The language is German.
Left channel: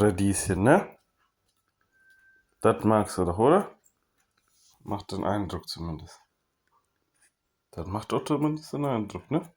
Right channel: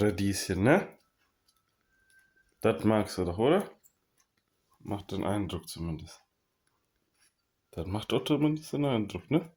Radieschen, ne? Das magst du doch, oder? Macht den Eindruck zumindest. Das macht doch zumindest den Eindruck, ne?